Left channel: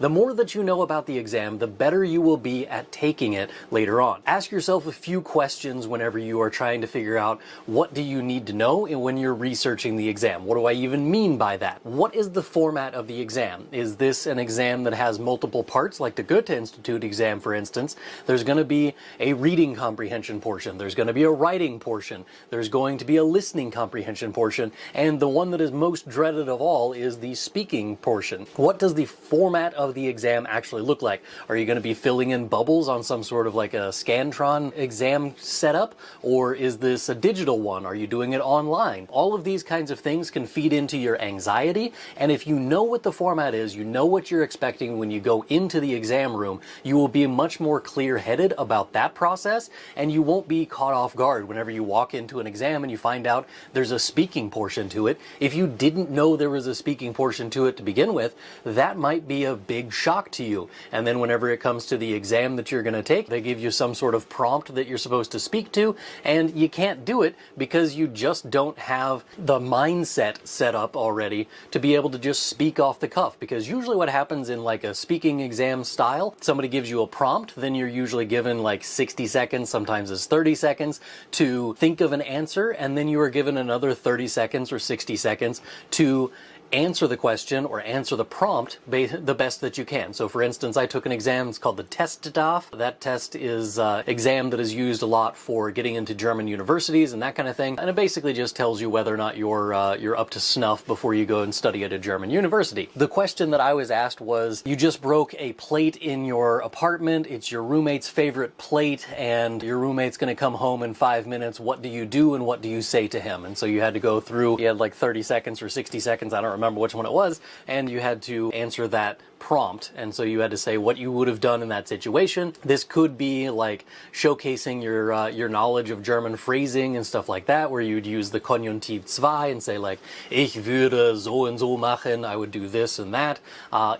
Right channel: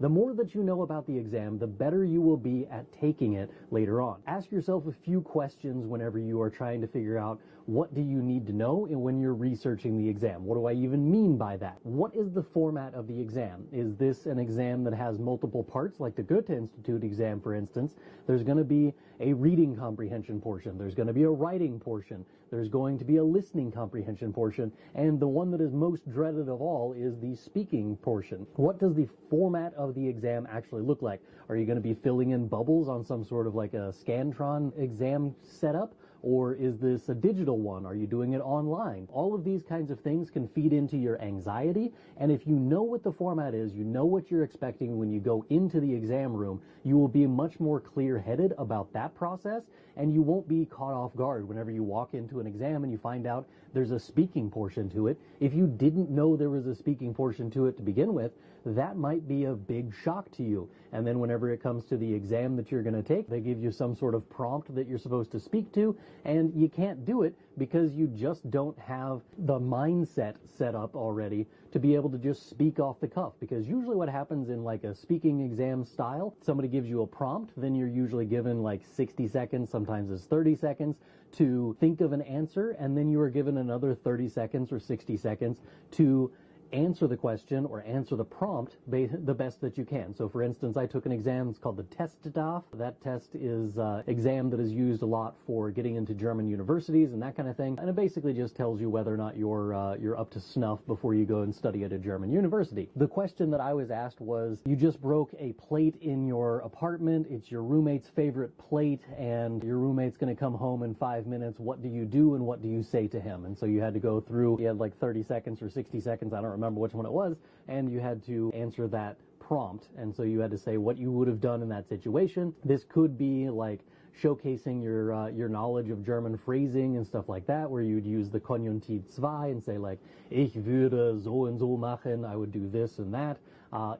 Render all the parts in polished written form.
The more that you know about the exam, the better you will be at taking it later on. Ask yourself a few questions whenever you are trying to figure out what do you need to know and when you're researching the exam. What do I even mean by that? What is the format of the exam? Is this an exam that has multiple parts, like the Goethe Institute exam, for instance? There's going to be a reading comprehension portion. There's going to be a writing portion. There's going to be a listening comprehension portion. And the one that is most dreaded of all is the speaking portion. What does the format of the exam actually look like? Are you going to be filling in bubbles on some sort of like a Scantron exam setup? Or is this a digital one? Are you doing it online? All of these kinds of things can feed into your anxiety. And if you know what the format is, you know what you're expecting when you go into the exam room, you will be much more clear-headed about that process, and you won't be caught off guard whenever you walk into an exam and you find out there's a speaking portion to it. If you didn't know there was a speaking portion to it to begin with, that might be a big shock to you. And then whenever it comes to the exam that you're going to take, they give you some sort of prompt that you're supposed to speak to, and you can't do it because you just don't have the mindset set up already to be able to just speak off the cuff. Because usually what happens in like a speaking exam style, somebody gives you a prompt, then you're usually given like 60 seconds, sometimes it's 30 seconds to think of an answer, and then you are given another 30 seconds or 60 seconds to answer the question or answer the prompt the best that you can. So for instance, I took an exam, it's called the Testdaf. That test is an exam that is used a lot for getting into German universities and that kind of thing. And it basically just tells you whether or not you're up to snuff before you go and study at a German university. The question that I was asked was, you just broke a plate in your apartment, it's your roommate's favorite plate, and your roommate's gonna come home in 5 minutes. What do you do and what do you say to him? And so you had to go through, you had like 30 seconds or 60 seconds, I don't remember which one it was, and you had to answer that prompt. And so you had to say what you would have done in that situation. This could be like showcasing your knowledge of German phrasing and stuff like that, where you'd use the Konjunktiv 2 and say like, ich würde so und so machen, I would do this and that.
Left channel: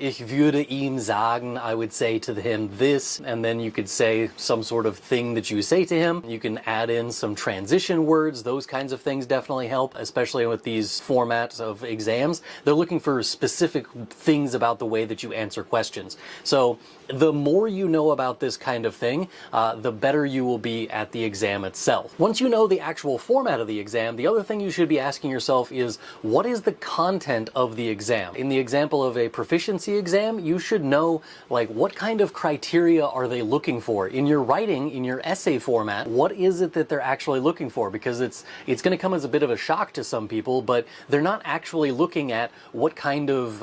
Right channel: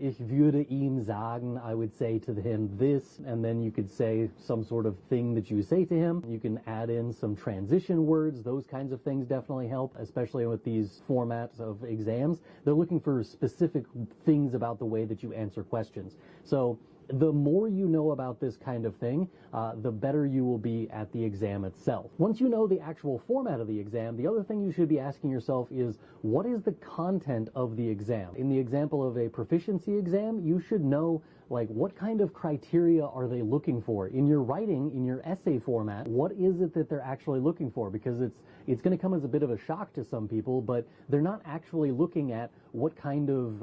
Ich würde ihm sagen, I would say to him this, and then you could say some sort of thing that you say to him. You can add in some transition words. Those kinds of things definitely help, especially with these formats of exams. They're looking for specific things about the way that you answer questions. So the more you know about this kind of thing, the better you will be at the exam itself. Once you know the actual format of the exam, the other thing you should be asking yourself is, what is the content of the exam? In the example of a proficiency exam, you should know like what kind of criteria are they looking for? In your writing, in your essay format, what is it that they're actually looking for? Because it's going to come as a bit of a shock to some people, but they're not actually looking at what kind of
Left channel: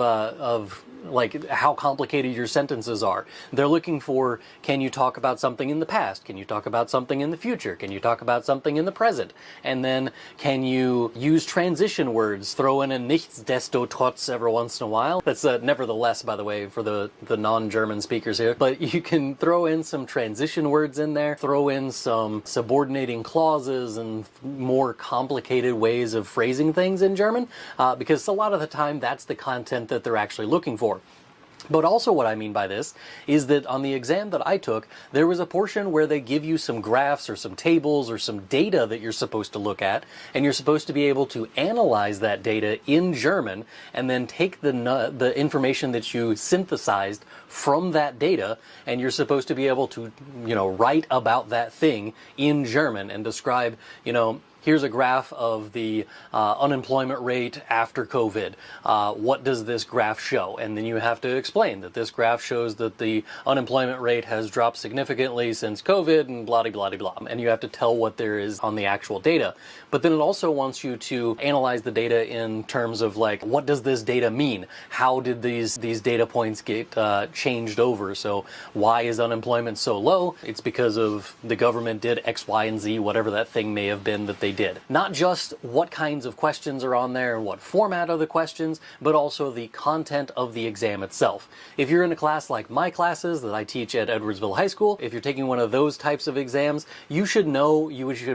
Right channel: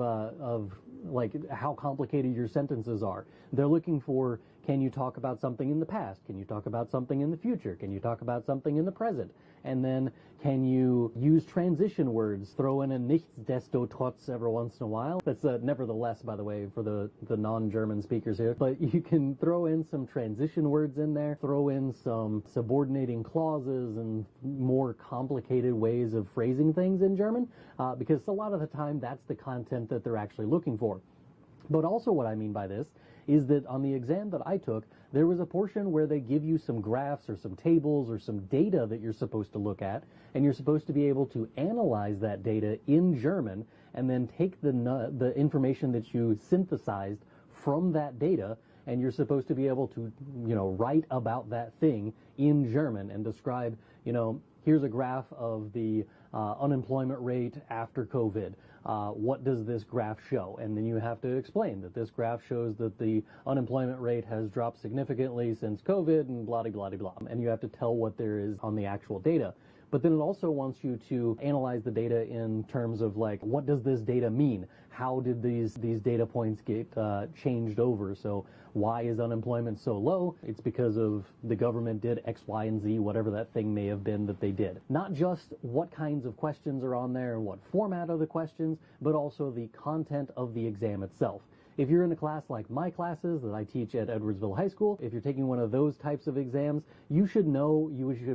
like how complicated your sentences are. They're looking for, can you talk about something in the past? Can you talk about something in the future? Can you talk about something in the present? And then can you use transition words? Throw in a nichtsdestotrotz every once in a while. That's nevertheless, by the way, for the non-German speakers here. But you can throw in some transition words in there, throw in some subordinating clauses and more complicated ways of phrasing things in German, because a lot of the time that's the content that they're actually looking for. But also what I mean by this is that on the exam that I took, there was a portion where they give you some graphs or some tables or some data that you're supposed to look at, and you're supposed to be able to analyze that data in German and then take the information that you synthesized from that data, and you're supposed to be able to, write about that thing in German and describe, here's a graph of the unemployment rate after COVID. What does this graph show? And then you have to explain that this graph shows that the unemployment rate has dropped significantly since COVID and blah, blah, blah, blah. And you have to tell what there is on the actual data. But then it also wants you to analyze the data in terms of like, what does this data mean? How did these data points get changed over? So why is unemployment so low? It's because of the government did X, Y, and Z, whatever that thing may have been that they did. Not just what kinds of questions are on there and what format are the questions, but also the content of the exam itself. If you're in a class like my classes that I teach at Edwardsville High School, if you're taking one of those types of exams, you should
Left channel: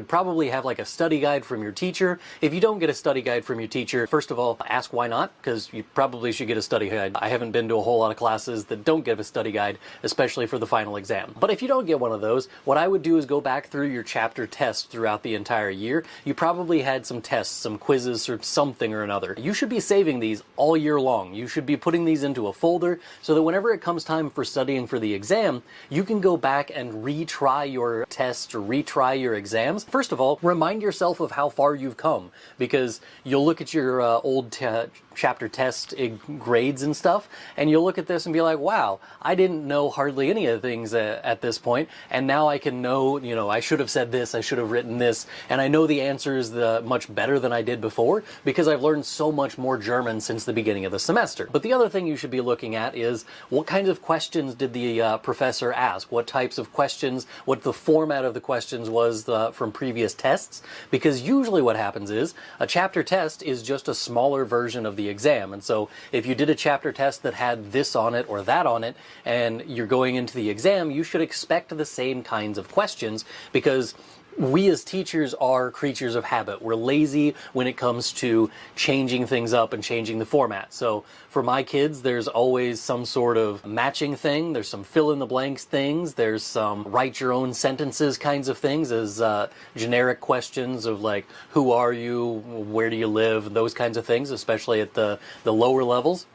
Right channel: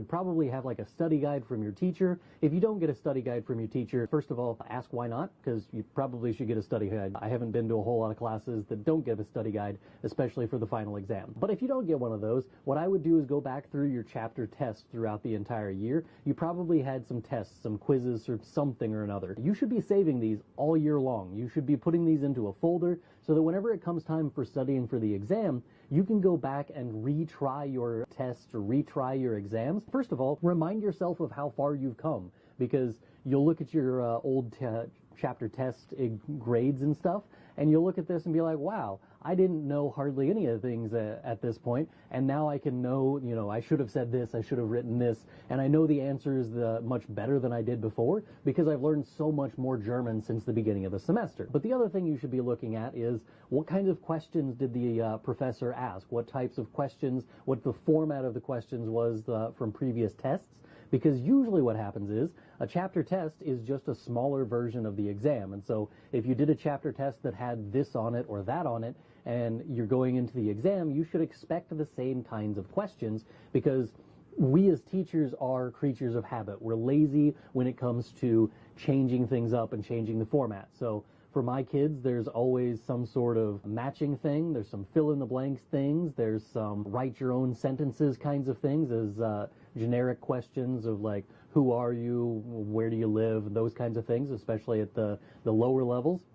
probably have like a study guide from your teacher. If you don't get a study guide from your teacher, first of all, ask why not, because you probably should get a study guide. I haven't been to a whole lot of classes that don't give a study guide, especially for the final exam. But if you don't get one of those, what I would do is go back through your chapter tests throughout the entire year you probably had some tests, some quizzes, or something or another. You should be saving these all year long. You should be putting these into a folder so that whenever it comes time for studying for the exam, you can go back and retry your tests or retry your exams. First of all, remind yourself of how far you've come, because you'll look at your old chapter test grades and stuff, and you'll look at this and be like, wow, I didn't know hardly any of the things at this point, and now I can know, you know, I should have said this, I should have written this, and I know the answers much better than I did before because I've learned so much more German since the beginning of the semester. But the other thing you should be looking at is what kinds of questions did the professor ask? What types of questions, what the format of the questions was from previous tests? Because usually what happens is a chapter test is just a smaller version of the exam. And so if you did a chapter test that had this on it or that on it, and you're going into the exam, you should expect the same kinds of questions, because we as teachers are creatures of habit. We're lazy when it comes to changing things up and changing the format. So for my kids, there's always some sort of matching thing. There's some fill in the blanks things. There's some write your own sentences kinds of things as generic questions of like, who are you? Where do you live? Those kinds of things, especially at the lower levels.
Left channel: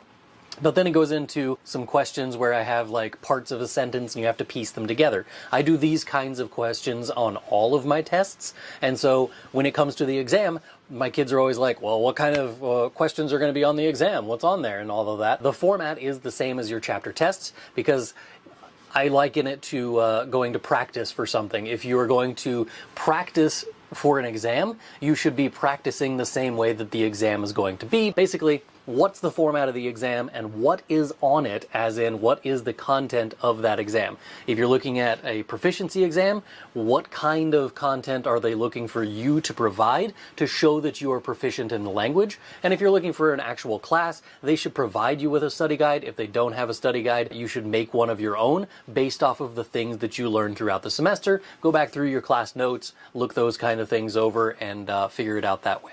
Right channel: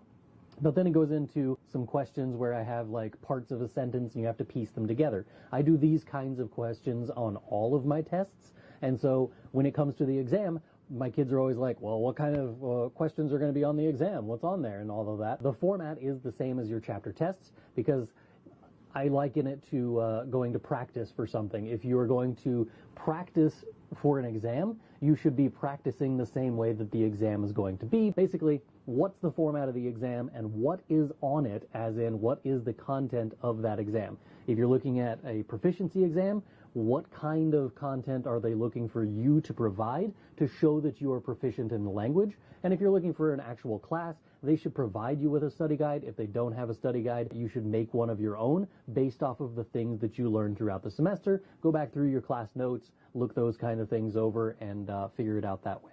But then it goes into some questions where I have like parts of a sentence and you have to piece them together. I do these kinds of questions on all of my tests. And so when it comes to the exam, my kids are always like, well, what kind of questions are going to be on the exam? What's on there? And all of that. The format is the same as your chapter tests, because I liken it to going to practice for something. If you are going to practice for an exam, you should be practicing the same way that the exam is going to be. Basically, what's the format of the exam and what is on it, as in what is the content of that exam. If you're looking at a proficiency exam, what kind of content are they looking for you to provide to show that you are proficient in the language? And if you're looking for an actual class, they should provide you with a study guide. If they don't have a study guide, you should make one of your own based off of the things that you learned throughout the semester. Go back through your class notes, look those kind of things over, and figure it out that way.